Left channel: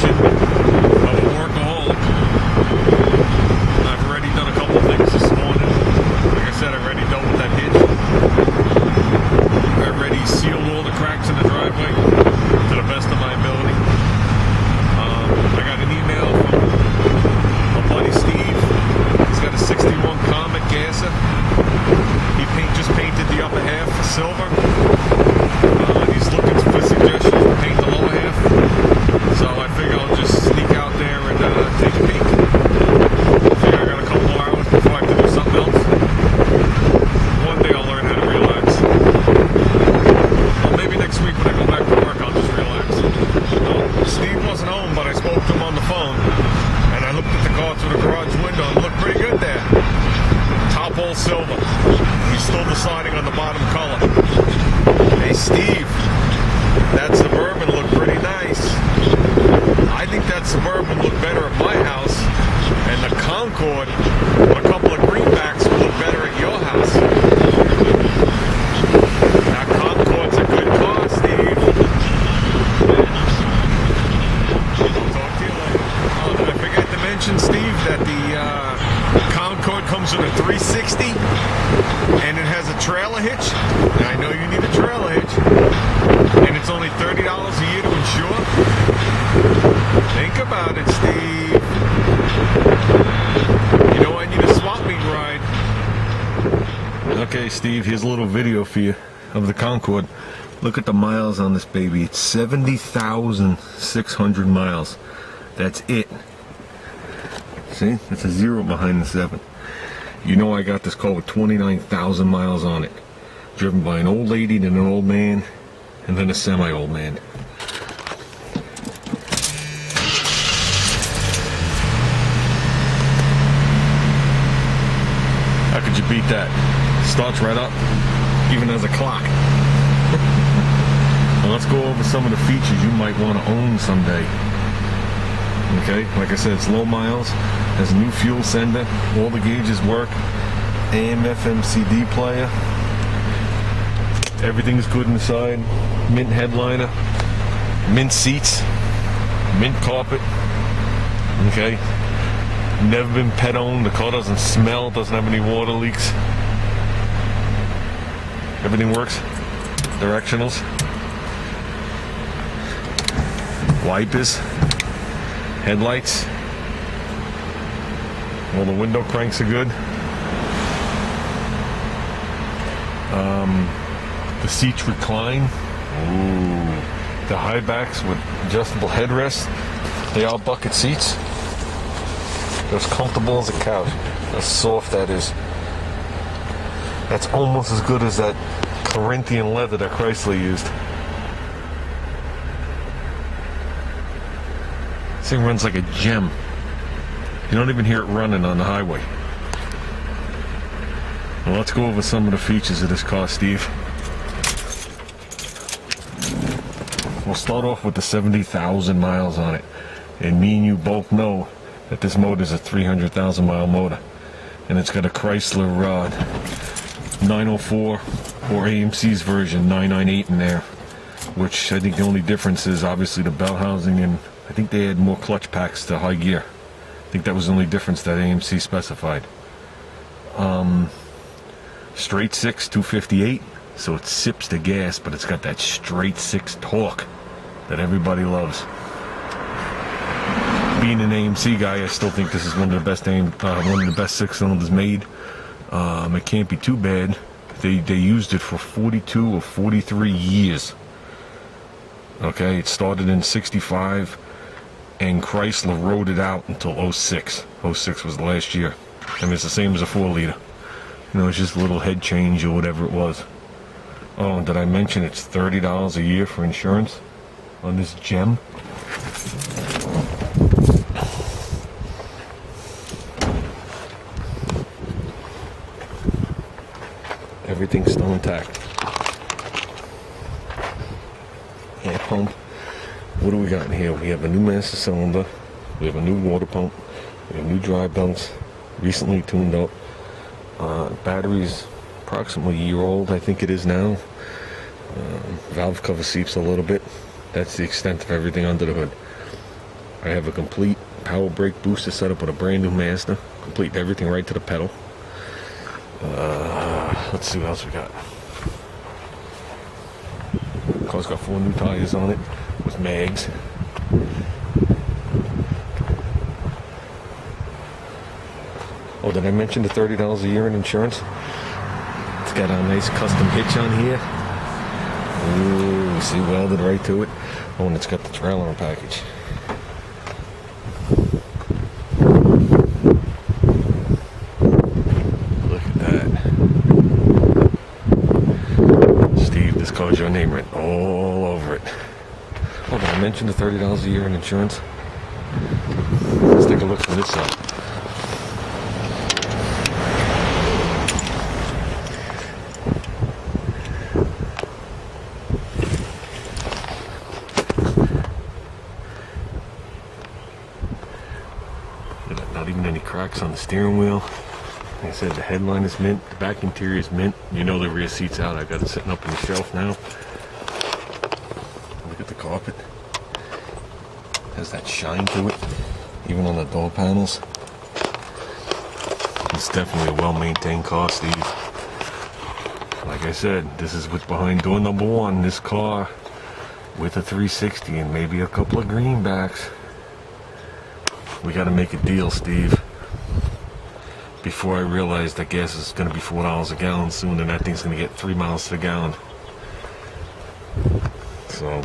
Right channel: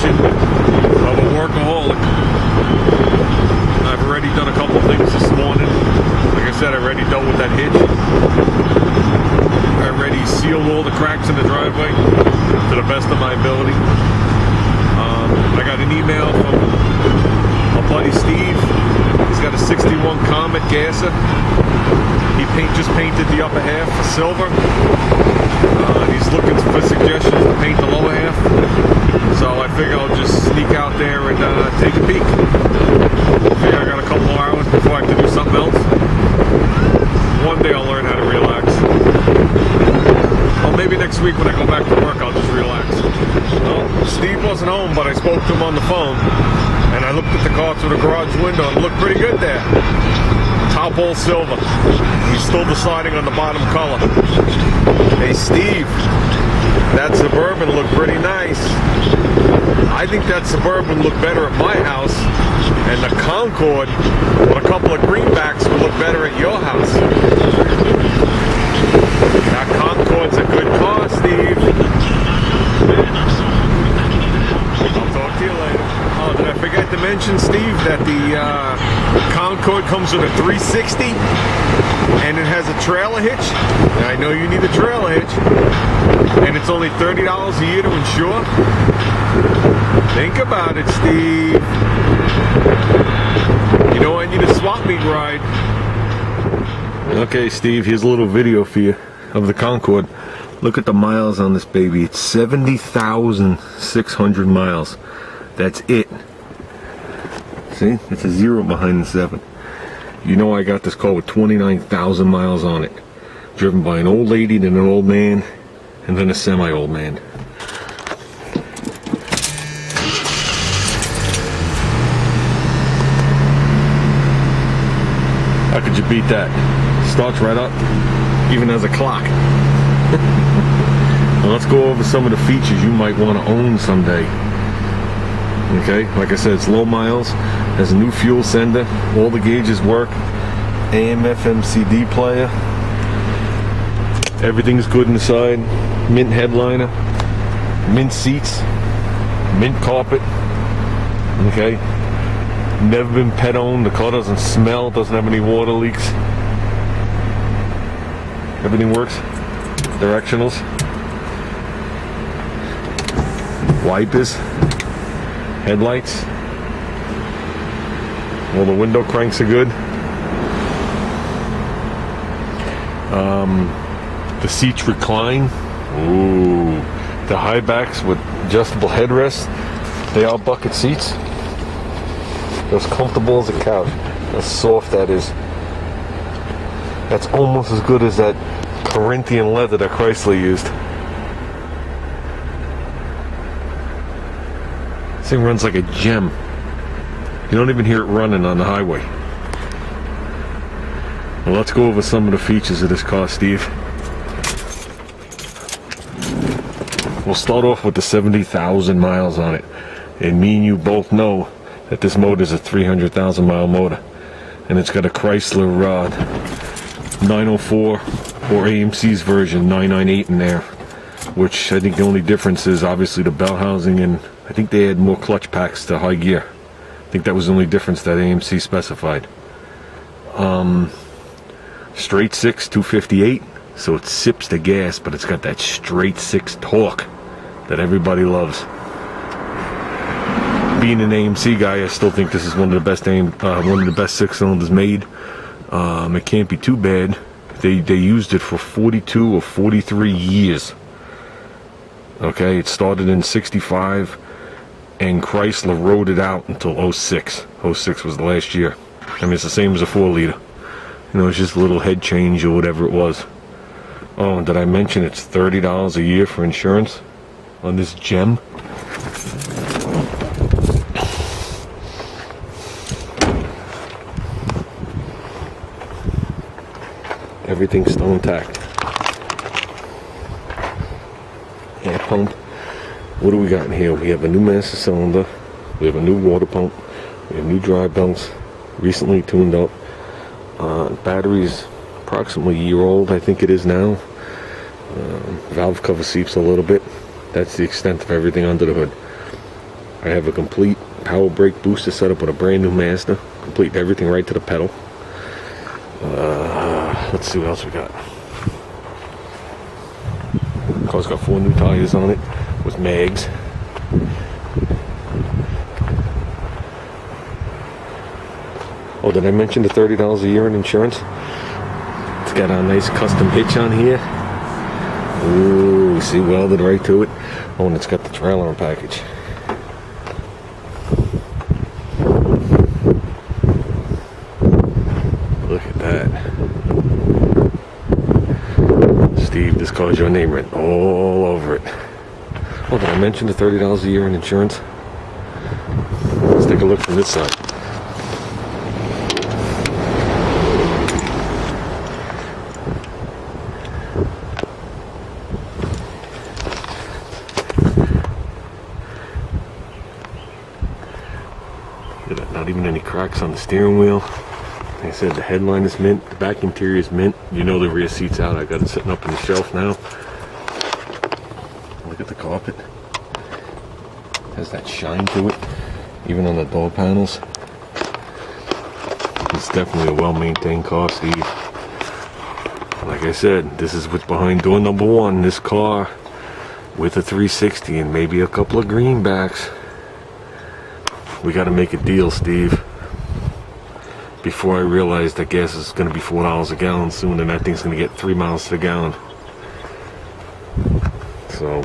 definition of a workaholic. I've already done a couple things this morning. Like I said, I already dealt with that hitch. I already sealed all the cracks in the driveway to the best of my ability. I got an email from my buddy Steve. He's got a 61 Comet gasser. He just painted the upper half for silver. He's looking for suggestions to paint the lower half. So I figure I'll just sneak out there and take a peek. I figure I got a couple more hours before I have to do something else. One day I'll learn how to relax. Well, maybe next week when I go back to work, I'll just relax. Well, Steve wasn't home, but I spoke to him on the phone. And I looked at the car through the garage window and it looked pretty good there. Top all silver. He's still deciding on the bottom color. Hey Steve, that Suburban looked pretty nice. I think that Suburban looked better at my house, and the Concorde with a couple of greenbacks would look better at your house. That Concorde's a good car, Steve. I'll talk to you later. Oh, did I forget to mention, Steve, that the Concorde comes with a 360 and it has a trailer hitch? And I know you need a trailer hitch. And it's only $30 a year to insure. Think about it, Steve. You know I need a swap meet ride. Okay, Steve, here's a little video for you of the Concorde. Look at the miles on this baby. It's 70,600 miles. That's it. See? It's a 0 behind the 7. You know I got this car with 29,000 miles on it. Driven by an old lady, then an old man, and then a semi-old man. How could you beat that? Starts right up, even as a clock. Well, let's go over some of the features you might want to own someday. Okay, like I said, it's low miles, has a new fuel sender, all the gauges work, AM, FM, CD player, everything's good inside, mint headliner, mint seats, mint carpet, okay, never been pet owned, the car doesn't smell, doesn't have any water leaks, everything works, directionals, wipers, headlights, all the window cranks are good. The seats recline. Ooh, the high backs with adjustable headrests. They are bucket seats. They're as comfortable as a couch. How soft that is. That's almost as good as that Corinthian leather that Chrysler used. This thing runs like a gem. You don't even hear it running on the highway. Well, let's go over some of the features of this car, Steve. We'll start off with the 70,000 miles on it. And me and you both know that this motor is a 300,000 mile motor. And it's got a Chrysler 904 or AMC's version 998 in there. Which I think the only difference is obviously the bell housing, and I think they had more clutch packs to high gear. I think that was the only difference that AMC specified. Straight 6, 258, so it sips the gas, but it's got that straight 6 torque that everybody loves. Being an AMC guy, I still think this is one of the best 6 cylinders made. It can't be too bad. They used it for 42 or 43 years. Okay, it started in 65. And Chrysler rode it out until 06. 06 was the last year. I mean, it's the same as a 4-liter. You know, it's just a little head change or whatever it was. Oh, and did I mention it's $30 a year for insurance on this gem? Everything's still intact. Air pump. What do we got in here? We have a new master cylinder, we have a new water pump, we have new dry belts, recently tuned up. Battery's approximately a year old, I think it is now. Valve cover seeps a little bit. That's the extent of everything under the hood. I have a complete power brake booster set up with a brand new Mazda. Complete everything right to the pedal. Let's see what else we got. Car's got 4 new tires on it with mags. Oh, did I mention the $30 a year in insurance? It's got a nice custom hitch on here. Ooh, see, welded right to it. Oh, and it's got the trailer package. Look at that. Steve, this car's your name written all over it. Oh, did I mention the $30 a year in insurance? Let's take a look from this side. Not even any cracks on the steering wheel. Like I said, the headline is mint, the back interior is mint. You know the rear seat's out. I got it sitting up on the shelf now. Look at the carpet. It has that shine to it, even on the door panels. It's definitely a well-maintained car, Steve. Like I said, this is what's behind door number 1. This car with a 360 and maybe a couple of greenbacks. We got to make a deal, Steve, before I realize that gas is going to be $4 a gallon soon, and that thing's going to get 3 miles to the gallon. So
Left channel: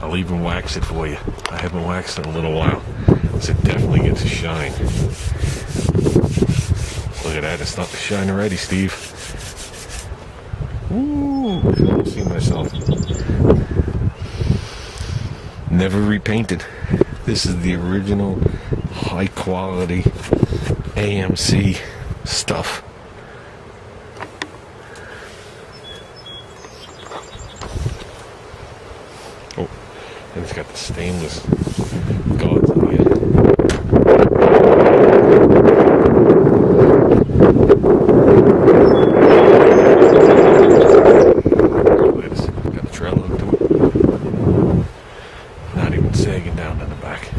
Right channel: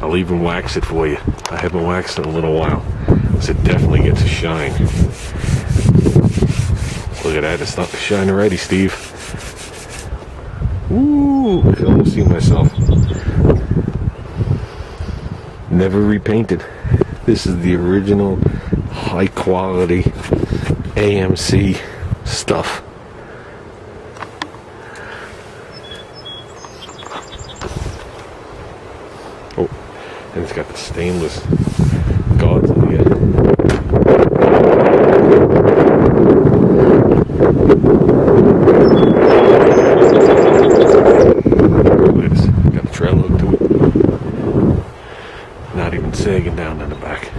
I'll even wax it for you. I haven't waxed it in a little while, because it definitely gets a shine. Look at that, it's starting to shine already, Steve. Ooh, I can almost see myself. Never repainted. This is the original high quality AMC stuff. Oh, and it's got the stainless guards on here. Look at this, got the trail hook to it. Not even sagging down in the back.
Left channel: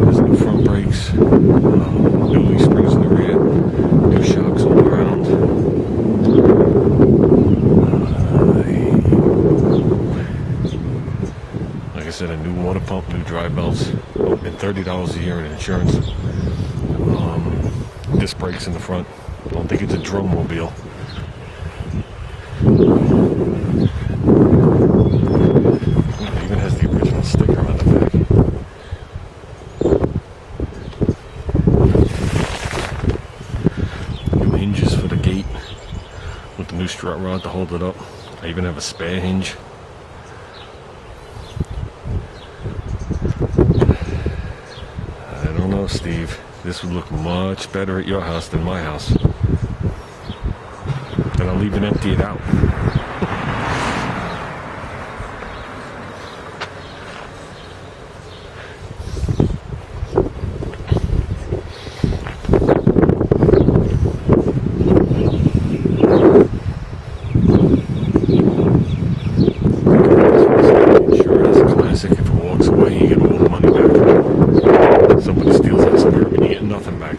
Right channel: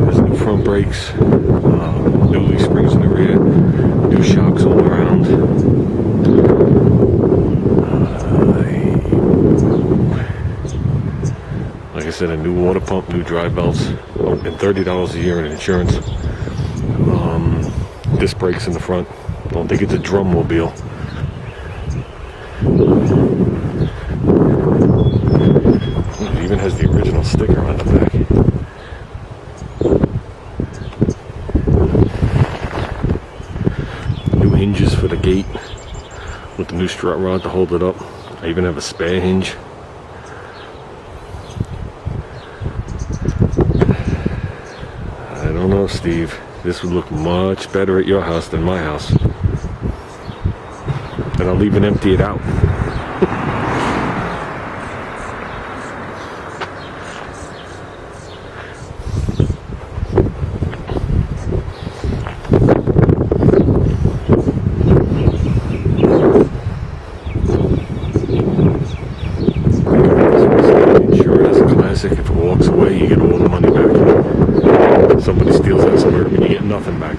There's new front brakes, new leaf springs in the rear, new shocks all around. Like I said, a new water pump, new dry belts, and $30 a year in insurance. Disc brakes in the front. Don't think it's a drummobile. It even has the original sticker on the back. New hinges for the gate with the new strut rod to hold it up. I even have a spare hinge. I don't know, Steve. This would look much better at your house than my house. And I'll even empty it out. If it walks away, you get all the money back. Somebody steals that Suburban, you get nothing back.